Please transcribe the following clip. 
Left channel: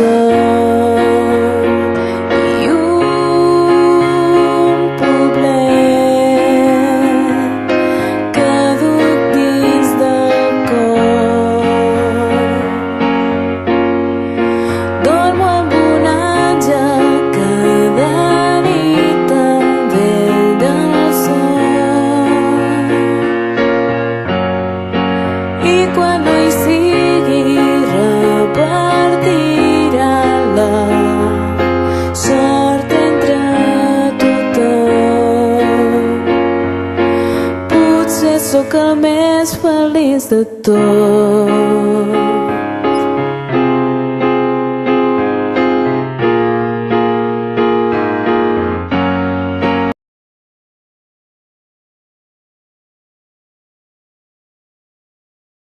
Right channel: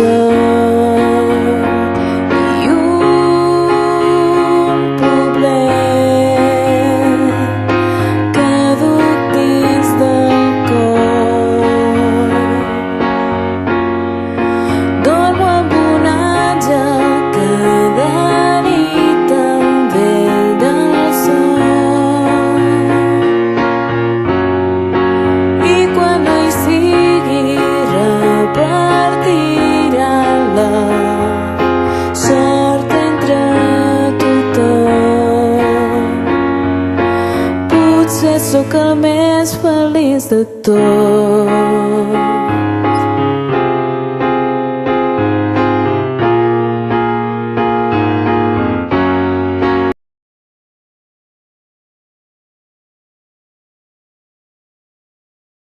sol i un poblet que duc dins del cor. Dormo amb un àngel cada nit amb ell del son, i quan no hi sigui repartirà la sort entre tothom. Potser sóc el més feliç de tots.